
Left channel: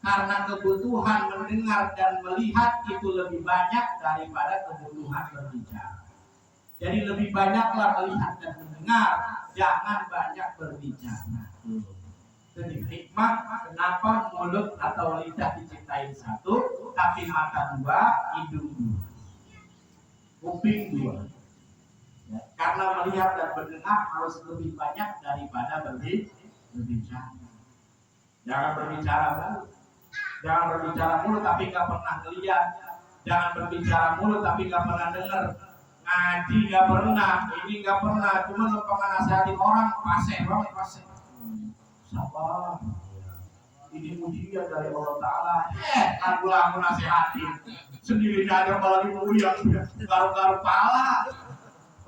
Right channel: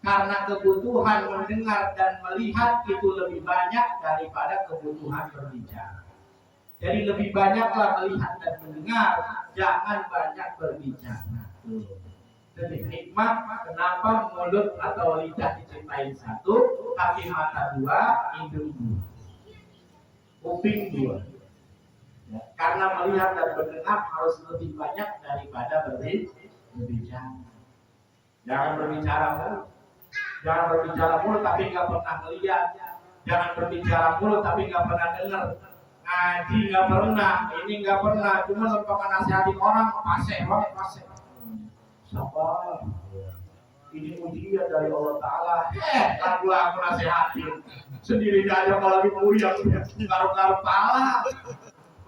Karena kebutuhan mendengar dan melihat itu lebih banyak daripada kebutuhan berbicara. Jadi lebih banyaklah melihat dan mendengar, jangan banyak berbicara. Jadi hikmah kenapa mulut atau lidah diciptain satu, tapi mata dua, hidung dua, kuping dua. Ya, karena melihat dan mendengar harus lebih banyak daripada berbicara. Jangan berbicara mulu. Jangan berbicara mulu tapi nggak pernah melihat. Jangan berbicara mulu tapi nggak pernah dengar. Ngaji nggak pernah, ini nggak pernah. Cuma lupa nasihatin orang, paseh banget paseh. Sabar. Ini ujian dari Allah Ta'ala. Aku nasihatin. Sendiri aja kalau lagi puyeng, garu-garu pala.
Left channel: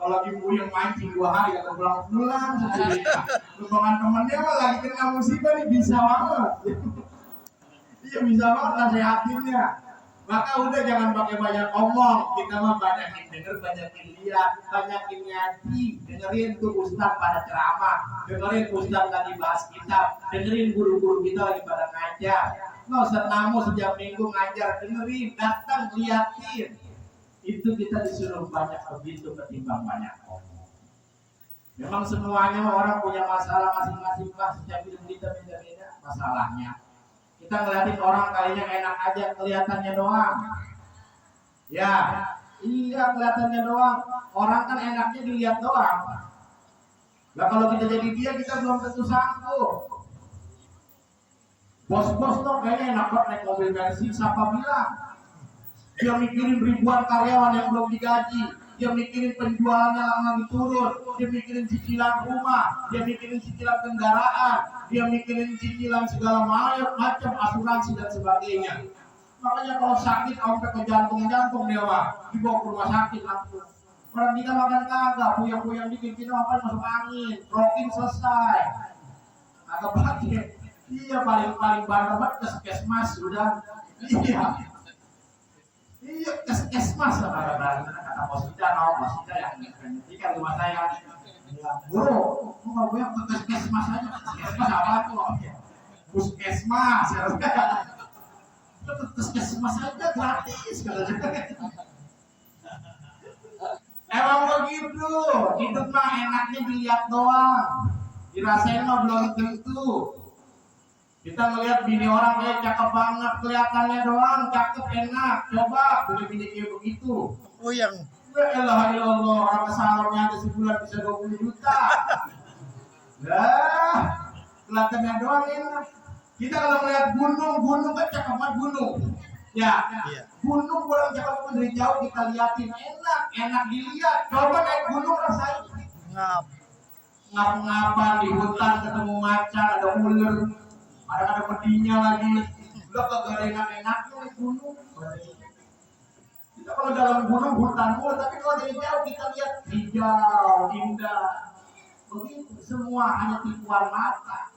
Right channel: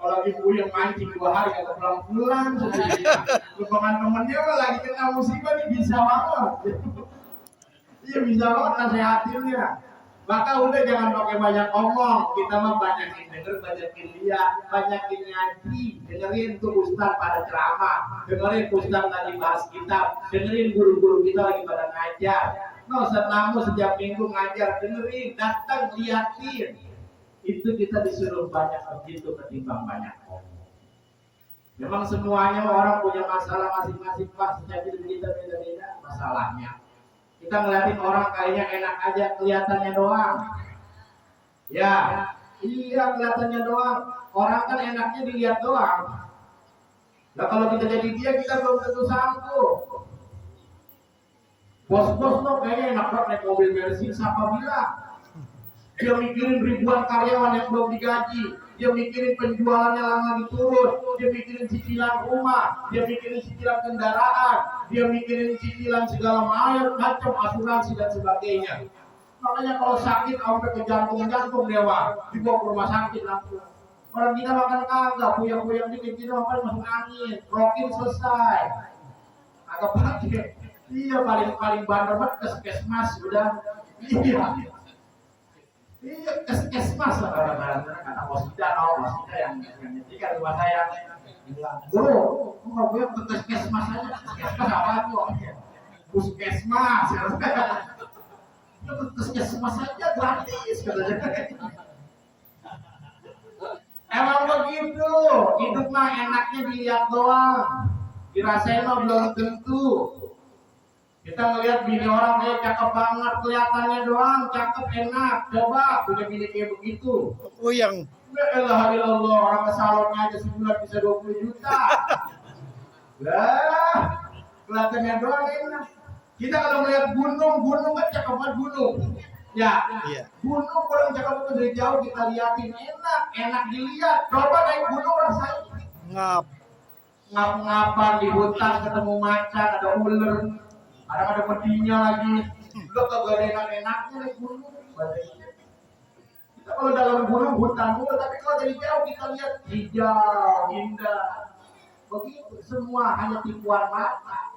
Kalau lagi puyeng mancing 2 hari kagak pulang sendirinya. Lupangan temennya mah lagi kena musibah nih, bisa banget. Iya bisa banget nasihatinnya. Maka udah jangan pakai banyak omong. Kita mah banyakin denger, banyakin lihat, banyakin ngaji. Dengerin tuh ustaz pada ceramah, dengerin ustaz tadi bahas kitab, dengerin guru-guru kita lagi pada ngajar. No, Ustaz Namu setiap minggu ngajar, dengerin, datang liatin. Itu kita disuruh banyak begitu ketimbang banyak omong. Memang semuanya orang punya masalah masing-masing, Pak. Setiap hidup kita beda-beda masalahnya. Kita ngeliatin orang kayaknya enak aja, kelihatannya doang. Ya, iya kelihatannya doang. Orang kan enaknya dilihat doang. Nah kalau kita jadi dia, kita belum tentu sanggup. Bos-bos tuh kayaknya enak banget naik mobil Mercy, siapa bilang? Dia mikirin ribuan karyawan yang belum digaji. Dia mikirin penjualannya lagi turun. Dia mikirin cicilan rumah. Dia mikirin cicilan kendaraan. Dia mikirin cicilan segala macam asuransi dan sebagainya. Makanya kalau sakit sampai ke jantung dewa, dibawa ke rumah sakit langsung. Orang kita makan kagak, puyeng-puyeng dikit kita makan masuk angin, rokin selesai. Agak pakai. Iya paling bandar banget Keskesmas udah. Iya, Keskesmas lah kata bos kita yang nyetika rumah saya. Bilang, bro, mau gue ke Keskesmas aja. Keskesmas apa tuh? Puskesmas. Keskesmas aja gratis katanya. Emang begitu. Hidup mah enaknya dilihat doang. Dirasain mah belum tentu. Kita ngeliat bini orang kayak cakep banget, kelihatannya doang, cakep enak. Coba punya bini kayak begitu. Uyang. Ya Allah, orang ke salonnya aja sebulan bisa 20 juta. Lah, kelihatannya doang enak. Kita kalau ngeliat gunung kan cakep banget gunung. Ya, Iya. gunung orang Jakarta dari jauh kita liatin enak dilihat. Coba naik gunung rasain. Ngap. Ngap-ngapan di hutan ketemu macan, ada ular, kadang ada pedinya lagi. Udah kagak ada enak-enaknya naik gunung. Kita kalau dalam gunung hutan mulu, tapi kalau dari jauh kita lihat hijau, indah. Begitu, semua hanya tipuan mata.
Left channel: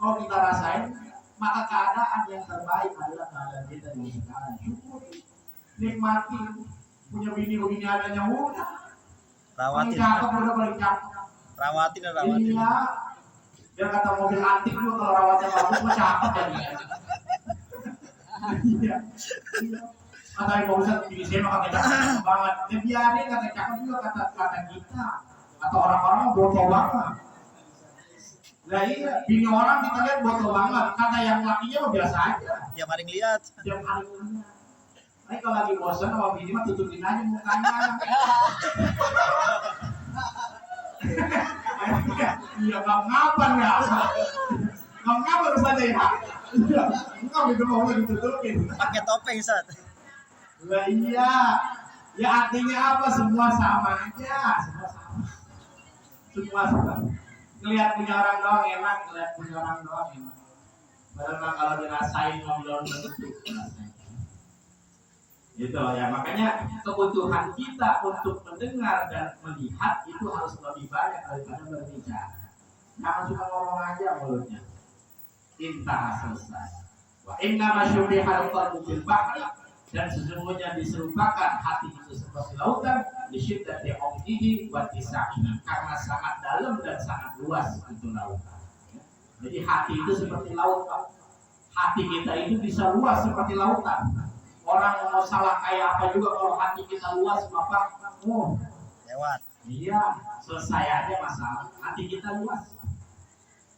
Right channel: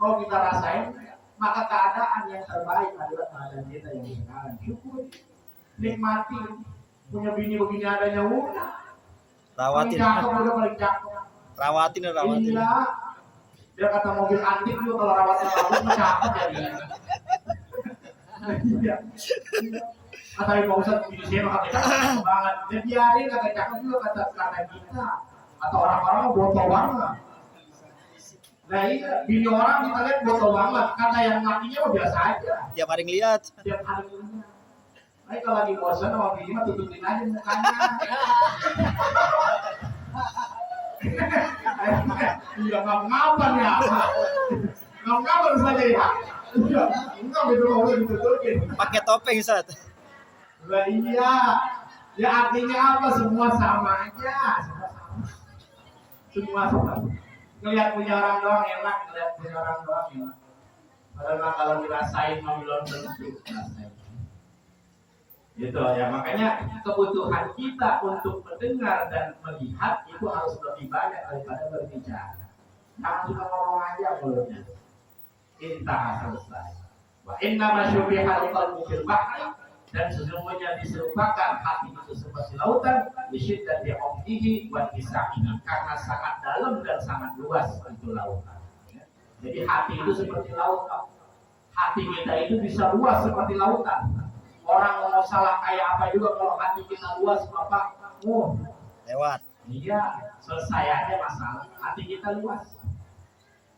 Kalau kita rasain, maka keadaan yang terbaik adalah keadaan kita yang sekarang. Syukuri, nikmati, punya bini begini adanya udah. Paling Rawatin. cakep udah paling cakep. Rawatin. Iya, dia kata mobil antik juga kalau rawatnya bagus mah cakep ya dia. Iya. Kata Ibu Ustadz, video saya mah kata cakep banget. Dia biarin kata cakep juga kata kita. Kata orang-orang mah bodoh banget. Nah iya, bini orang kita lihat bodoh banget. Kata yang lakinya mah biasa aja. Dia paling lihat. Setiap hari ini. Nah kalau lagi bosan sama bini mah tutupin aja mukanya. Iya ngapan ya. Ngapan saja ya. Enggak itu mau ditutupin. Pakai topeng, Ustaz. Lah iya. Ya artinya apa? Semua sama aja. Semua sama. Ngelihat punya orang doang enak, ngelihat punya orang doang enak. Padahal mah kalau dirasain mau belum tentu. Gitu ya, makanya kebutuhan kita untuk mendengar dan melihat itu harus lebih banyak daripada berbicara. Jangan cuma ngomong aja mulutnya. Intah selesai. Wa inna masyubihal qalbu bil bahri, dan sesungguhnya diserupakan hati itu seperti lautan lisyiddati umdihi wa tisaihi, karena sangat dalam dan sangat luas itu lautan. Jadi hati itu seperti lautan. Hati kita itu bisa luas seperti lautan. Orang mau salah kayak apa juga kalau hati kita luas, Bapak, Lewat. iya, selesai aja masalah. Hati kita luas.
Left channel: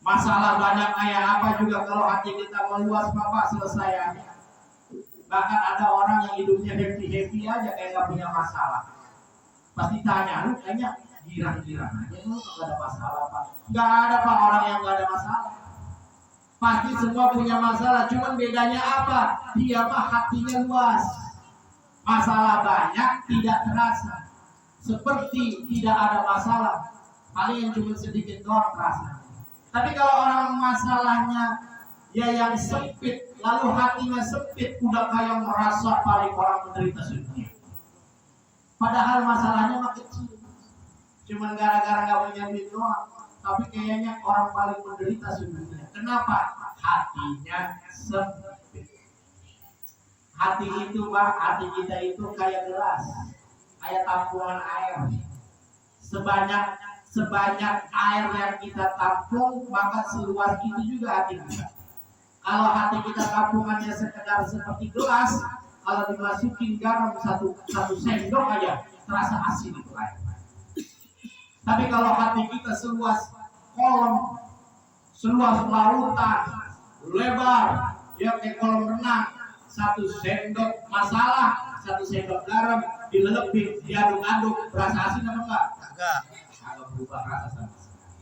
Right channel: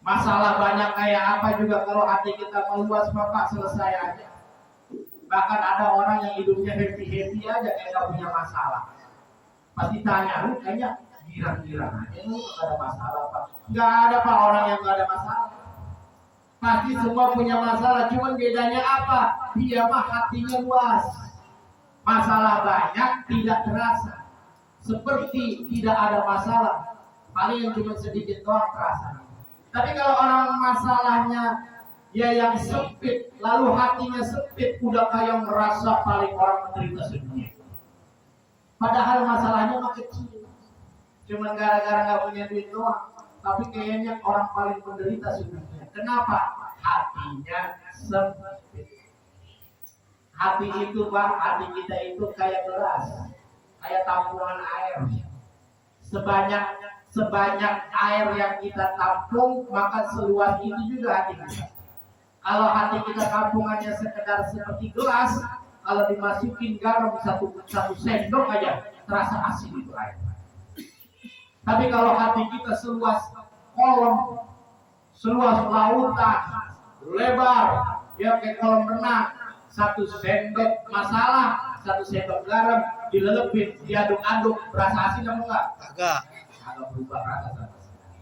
Masalah banyak kayak apa juga kalau hati kita meluas, Bapak, selesai aja. Bahkan ada orang yang hidupnya happy aja kayak gak punya masalah. Pasti tanya, lu kayaknya girang-girang aja, lu gak ada masalah, Pak. Gak ada, Pak, orang yang gak ada masalah. Pasti semua punya masalah, cuman bedanya apa? Dia mah hatinya luas. Masalah banyak tidak terasa. Seperti tidak ada masalah. Paling yang cuma sedikit doang terasa. Tapi kalau orang masalahnya ya yang sempit, lalu hatinya sempit, udah kayak merasa paling orang menderita sedunia. Padahal masalahnya mah kecil. Cuman gara-gara gak punya duit doang. Tapi kayaknya orang paling menderita sedunia. Kenapa? Hatinya sempit. Hati itu, Bang, hati kita itu kayak gelas, kayak tampungan air. Sebanyak air yang kita tampung, maka seluas itu juga hati kita. Kalau hati kita tampungannya sekedar seperti gelas, kalau dimasukin garam satu sendok aja, terasa asin itu air. Tapi kalau hati kita seluas kolam, seluas lautan, lebar, ya kayak kolam renang, satu sendok masalah, satu sendok garam dilelepin, diaduk-aduk, berasa asin apa enggak? Agak. Agak berubah rasa sama sekali.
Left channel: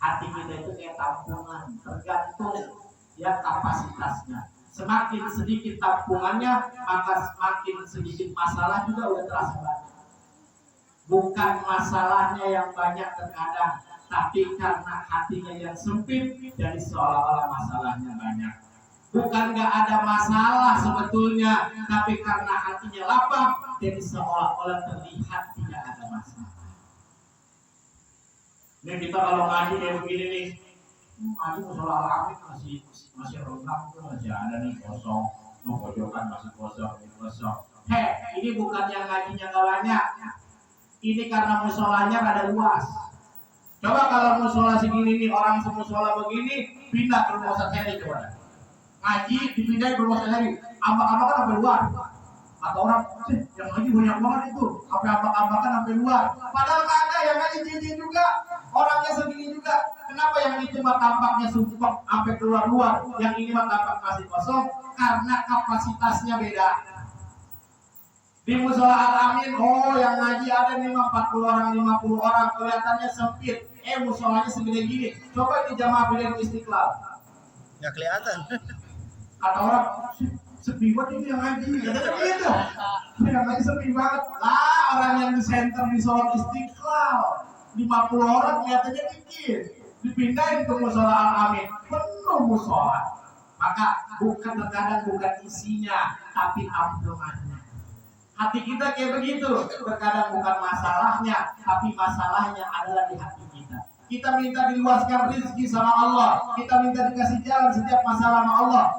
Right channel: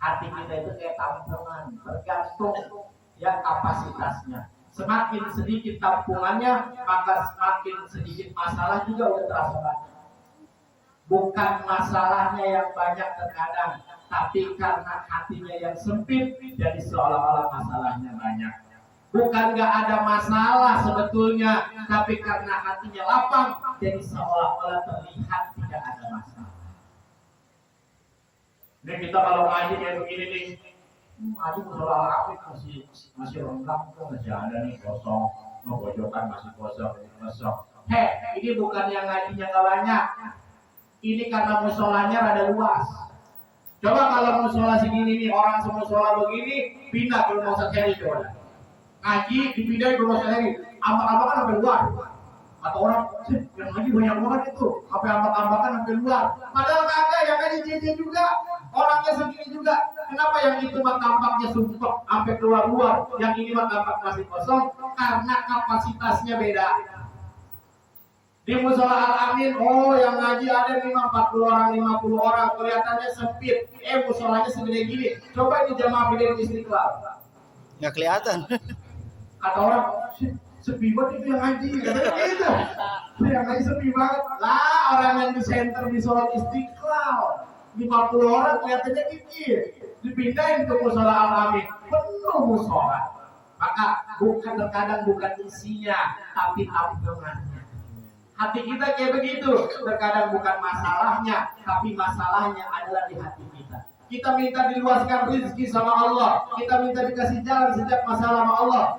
Hati kita itu kayak tampungan, tergantung ya kapasitasnya. Semakin sedikit tampungannya, maka semakin sedikit masalah juga udah terasa banyak. Bukan masalahnya yang banyak terkadang, tapi karena hatinya yang sempit, jadi seolah-olah masalahnya banyak. Bukan gak ada masalah sebetulnya, tapi karena hatinya lapang, jadi seolah-olah terlihat tidak ada masalah. Ini kita kalau ngaji kayak begini nih, ngaji musola alamik masih lengkap tuh, masih ada nih kosong, mau pojokan masih kosong. Ini bukan yang ngajinya gak banyak. Ini karena musolanya rada luas. Coba kalau musola segini nih, orang semusola begini, pindah ke rumah Ustaz Heri coba. Ngaji dipindahin ke rumah Ustaz Heri, ambak-ambakan sampai luar. Atau orang, yang ngaji banyak banget itu, sampai ambak-ambakan sampai luar. Padahal kagak, yang ngaji JJ juga, orangnya segini juga. Kenapa yang itu mah tampaknya sumpah sampai keluar-luar, yang ini mah tampak masih kosong? Karena kapasitasnya beda. Di musola Al-Amin, yang ngaji ada memang 40 orang, 50 orang, kelihatannya sempit. Musolanya segede gini. Coba ini jamaah Pilihan Istiqlal. Nggak kelihatan. Kata orang, sepi banget ini yang ngaji. Gitu. Yang ngaji sepi banget. Lah orang yang di center di sholat Istiqlal 50 orang kelihatannya dikit. Dipindahin ke musola Al-Amin. Penuh musola. Maka terkadang bukan isinya, tapi tampilannya. Hati kita kayak begitu. Terkadang bukan masalahnya, tapi masalahnya adalah di hati kita. Kita minta diluaskan rezeki sama Allah. Kita minta dikasih jalan setiap masalah sama Allah.